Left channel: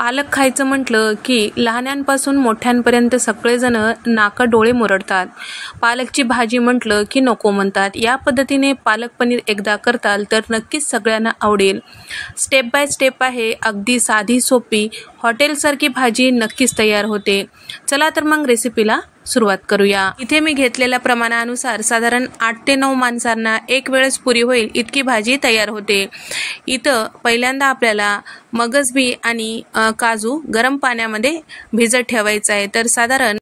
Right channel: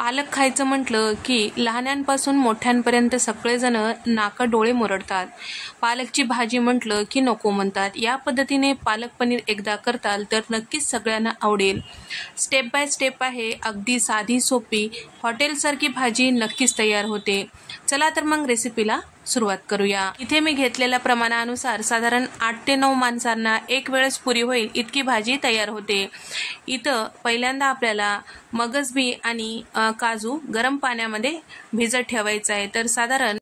पालक खायचं म्हटलं की लहानांपासून मोठ्यांपर्यंत सगळेजण नाका डोळे मुरडतात. पालकची भाजी म्हटलं की नको म्हणतात. या पद्धतीने पालक पनीर एकदा करताल तर नक्कीच सगळ्यांना आवडेल. स्टेप बाय स्टेप आहे, अगदी साधी सोपी हॉटेलसारखी भाजी नक्कीच तयार होते. चला तर मग रेसिपीला सुरुवात करूया. इथे मी घेतलेल्या प्रमाणानुसार साधारण 8 ते 9 माणसांना एक वेळेस पुरी होईल इतकी भाजी तयार होते. इथं पहिल्यांदा आपल्याला मगज बी आणि काजू गरम पाण्यामध्ये भिजत ठेवायचं आहे. तर साधारण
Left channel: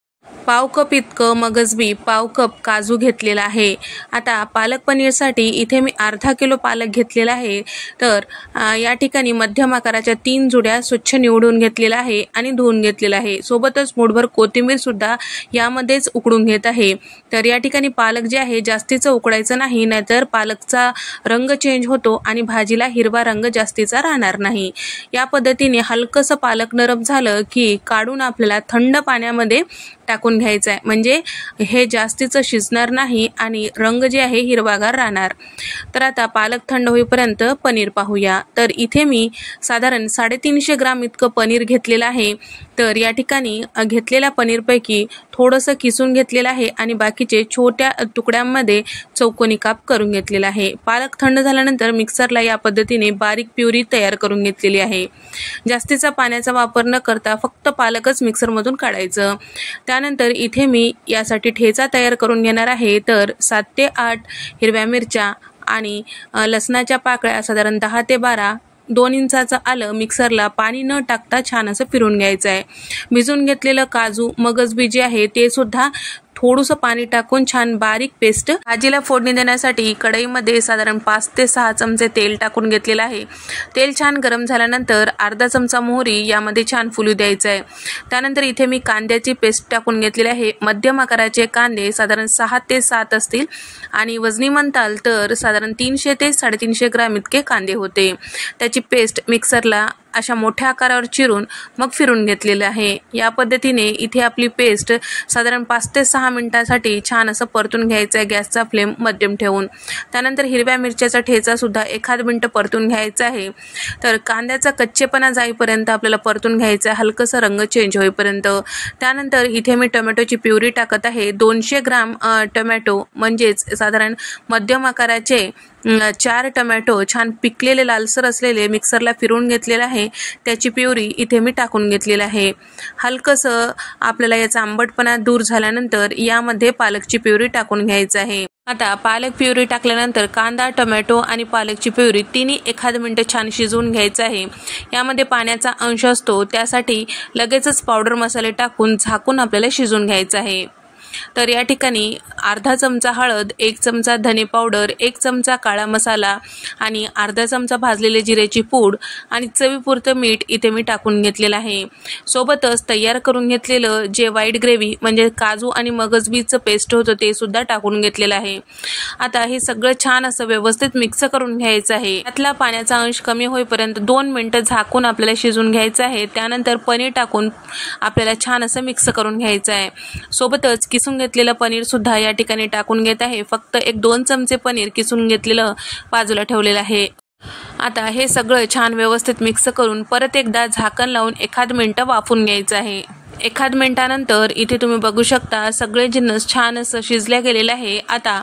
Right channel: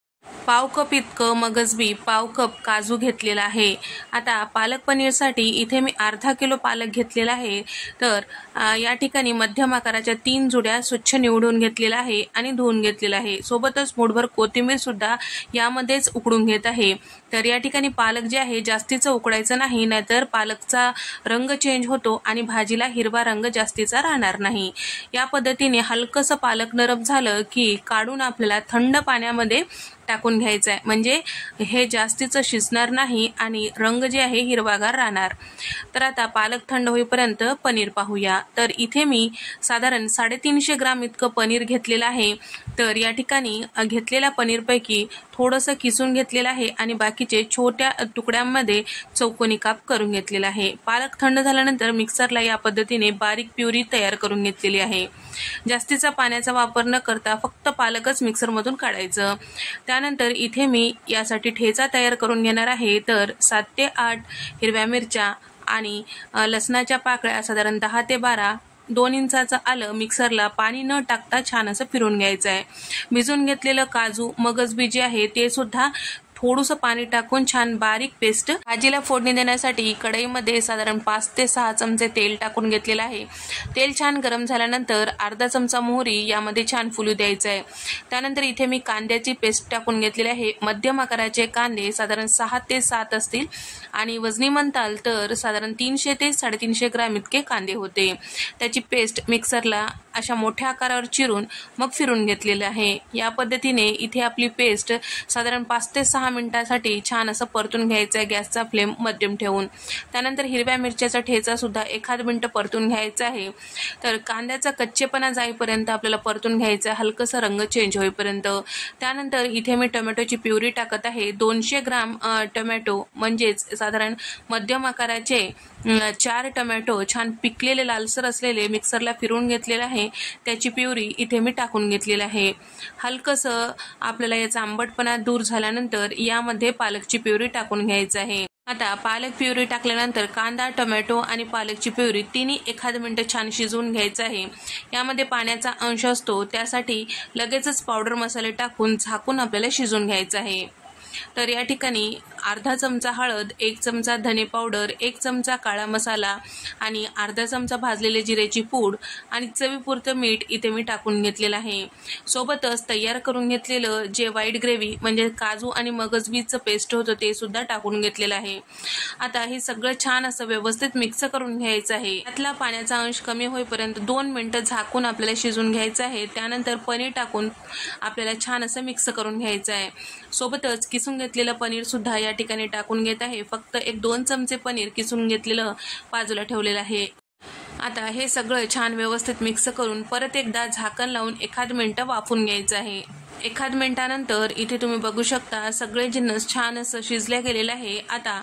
पाव कप इतकं मगज बी, पाव कप काजू घेतलेला आहे. आता पालक पनीरसाठी इथे मी अर्धा किलो पालक घेतलेला आहे. तर या ठिकाणी मध्यम आकाराच्या 3 जुड्या स्वच्छ निवडून घेतलेल्या आहे आणि धुवून घेतलेला आहे. सोबतच मूठभर कोथिंबीर सुद्धा यामध्येच उकडून घेत आहे. तर या ठिकाणी पालक जे आहे जास्तीचं उकडायचं नाही, नाहीतर पालकचा रंग चेंज होतो आणि भाजीला हिरवा रंग जास्तीचा राहणार नाही. या पद्धतीने हलकंसं पालक नरम झालं की काढून आपल्याला थंड पाण्यामध्ये टाकून घ्यायचं आहे, म्हणजे हे जास्तीचं शिजणार नाही आणि रंग जे आहे हिरवागार राहणार. तर आता पालक थंड होईपर्यंत पनीर पाहूया. तर इथे मी साधारण 350 ग्राम इतकं पनीर घेतलेलं आहे. तर या ठिकाणी घेतलेल्या पनीरपैकी थोडंसं किसून घेतलेलं आहे आणि बाकीचे छोट्या तुकड्यांमध्ये चौकोनी काप करून घेतलेला आहे. पालक थंड झाल्यानंतर मिक्सरला या पद्धतीने बारीक प्युरी तयार करून घेतलेली आहे. जास्तीचा पाण्याचा वापर न करता फक्त पालकच मिक्सरमधून काढायचं. त्यानंतर इथे मी यासाठी ठेचा तयार करून घेणार आहे. तर 7 ते 8 हिरव्या मिरच्या आणि लसणाच्या पाकळ्या साधारण 10 ते 12, 2 इंचाचं आलं मिक्सरला पाणी न टाकता छान असं फिरून घ्यायचं आहे. भिजून घेतलेलं काजू मगज बी जे आहे ते सुद्धा थोडंसं पाणी टाकून छान बारीक पेस्ट. भाजीला फोडणी देण्यासाठी कढईमध्ये साधारण 5 ते 6 चमचे तेल टाकून घेतलेलं आहे. तेल छान गरम झाल्यानंतर अर्धा चमचा मोहरी यामध्ये छान फुलू द्यायचं आहे. त्यानंतर इथे मी कांद्याची पेस्ट टाकून घेतलेली आहे. मध्यम आकाराचे कांदे साधारण 6 ते 7 असतील आणि वजनी म्हणताल तर साधारण 300 ते 350 ग्राम इतके कांदे होते. त्याची पेस्ट मिक्सरला अशा मोठ्या आकारावर चिरून मग फिरून घेतलेलं आहे. या पद्धतीने इथे आपली पेस्ट साधारण 5 ते 6 मिनिटांसाठी छान असं परतून घ्यायचं आहे, गॅसचा फ्लेम मध्यम ठेवून. त्यानंतर हिरव्या मिरच्याचा ठेचा सुद्धा 1 मिनिट परतून घ्यायचा आहे. तर कांद्याचा कच्चेपणा जाईपर्यंत आपल्याला परतून घ्यायचा आहे, हलकंसं रंग चेंज होईपर्यंत. त्यानंतर इथे मी टोमॅटोची प्युरी टाकत आहे. 200 ग्राम टोमॅटो म्हणजेच साधारण मध्यम आकाराचे 4 टोमॅटो छान पिकलेले लालसर असलेले मिक्सरला फिरवून घेतलेले आहे. त्याची प्युरी इथे मी टाकून घेतलेली आहे. हलकंसं आपल्याला याचा आंबटपणा दूर झाल्यानंतर यामध्ये पालकची प्युरी टाकून घ्यायचं आहे. आता पालक प्युरी टाकल्यानंतर कांदा, टोमॅटो आणि पालकची प्युरी तिन्ही 1 मिनिट छान शिजवून घ्यायचं आहे. यामध्ये पाण्याचा अंश असतो, त्यासाठी लगेचच पावडर मसाले टाकून झाकून आपल्याला शिजवून घ्यायचं आहे. तर या ठिकाणी अर्धा चमचा हळद, 1 चमचा धने पावडर, 1 चमचा काळा मसाला आणि अर्धा चमचा भाजलेले जिऱ्याची पूड आणि चवीपुरतं मीठ इथे मी टाकून घेतलेलं आहे. सोबतच तयार करून घेतलेलं जे व्हाईट ग्रेव्ही म्हणजे काजू आणि मगज बीचं पेस्ट होतं ते सुद्धा टाकून घेतलेलं आहे. आता हे सगळं छान असं व्यवस्थित मिक्स करून घ्यायचं आहे. यातला पाण्याचा अंश कमी होईपर्यंत 2 मिनिटं झाकून आपल्याला शिजवून घ्यायचं आहे. त्यानंतर पनीर टाकून आपल्याला छान असं मिक्स करून घ्यायचं आहे. सोबतच किसून घेतलेलं पनीर सुद्धा या ठिकाणी टाकून घेत आहे. फक्त 1-2 चमचे पनीर किसून घेतलेलं बाजूला ठेवलेलं आहे. आता हे सगळं छान व्यवस्थित मिक्स करून परत एकदा झाकण लावून 1 मिनिट वाफवून घ्यायचं आहे. 1 मिनिटानंतर इथे तुम्ही बघू शकता सगळे जिन्नस छान असं शिजल्या गेलेलं आहे. आता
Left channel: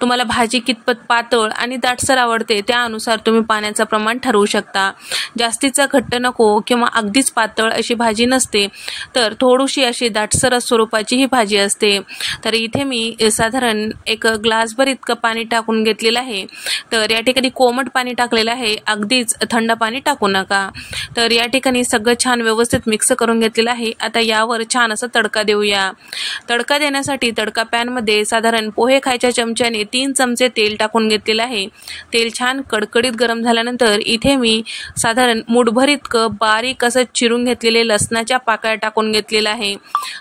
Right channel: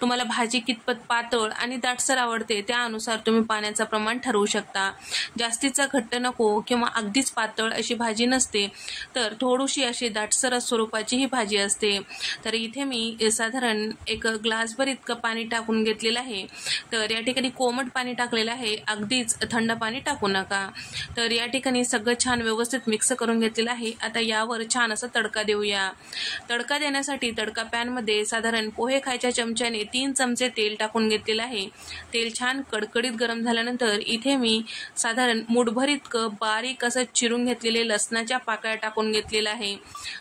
तुम्हाला भाजी कितपत पातळ आणि दाटसर आवडते त्यानुसार तुम्ही पाण्याचं प्रमाण ठरवू शकता. जास्तीचा घट्ट नको किंवा अगदीच पातळ अशी भाजी नसते, तर थोडीशी अशी दाटसर स्वरूपाची ही भाजी असते. तर इथे मी साधारण 1 ग्लासभर इतकं पाणी टाकून घेतलेलं आहे. तर या ठिकाणी कोमट पाणी टाकलेलं आहे, अगदीच थंड पाणी टाकू नका. तर या ठिकाणी सगळं छान व्यवस्थित मिक्स करून घेतलेलं आहे. आता यावर छान असा तडका देऊया. तडका देण्यासाठी तडका पॅनमध्ये साधारण पोहे खायच्या चमच्याने 3 चमचे तेल टाकून घेतलेलं आहे. तेल छान कडकडीत गरम झाल्यानंतर इथे मी साधारण मुठभर इतकं बारीक असं चिरून घेतलेले लसणाच्या पाकळ्या टाकून घेतलेलं आहे.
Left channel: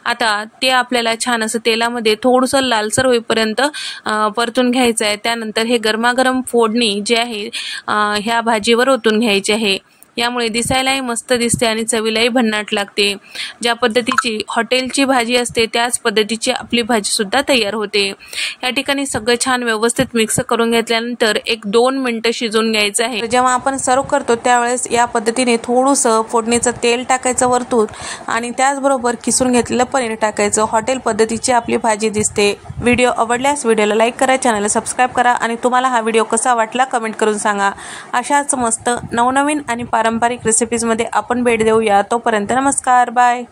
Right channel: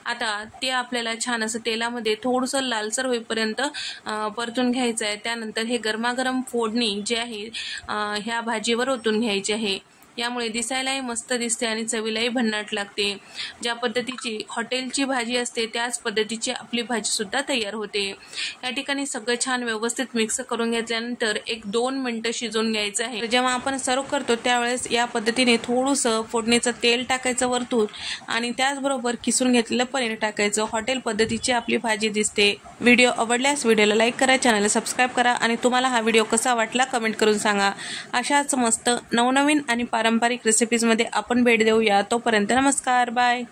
आता ते आपल्याला छान असं तेलामध्ये थोडंसं लालसर होईपर्यंत परतून घ्यायचं आहे. त्यानंतर हे गरमागरम फोडणी जे आहे ह्या भाजीवर ओतून घ्यायची आहे. यामुळे दिसायलाही मस्त दिसते आणि चवीलाही भन्नाट लागते. ज्या पद्धतीची हॉटेलची भाजी असते त्याच पद्धतीची आपली भाजी सुद्धा तयार होते. या ठिकाणी सगळं छान व्यवस्थित मिक्स करून घेतल्यानंतर 1-2 मिनिटं शिजवून घ्यायचं आहे. जेव्हा आपण सर्व करतो त्यावेळेस या पद्धतीने थोडंसं फोडणीचं तेल टाकायचं वरतून आणि त्याचबरोबर किसून घेतलेलं पनीर टाकायचं. हॉटेल पद्धतीची आपली भाजी दिसते. व्हिडिओ आवडल्यास व्हिडिओला लाईक करा, चॅनलला सबस्क्राईब करा आणि तुम्हाला हा व्हिडिओ कसा वाटला कमेंट करून सांगा. अशाच मस्त नवनवीन आणि पारंपरिक रेसिपीजमध्ये आपण भेट देऊया. तोपर्यंत नमस्कार, बाय.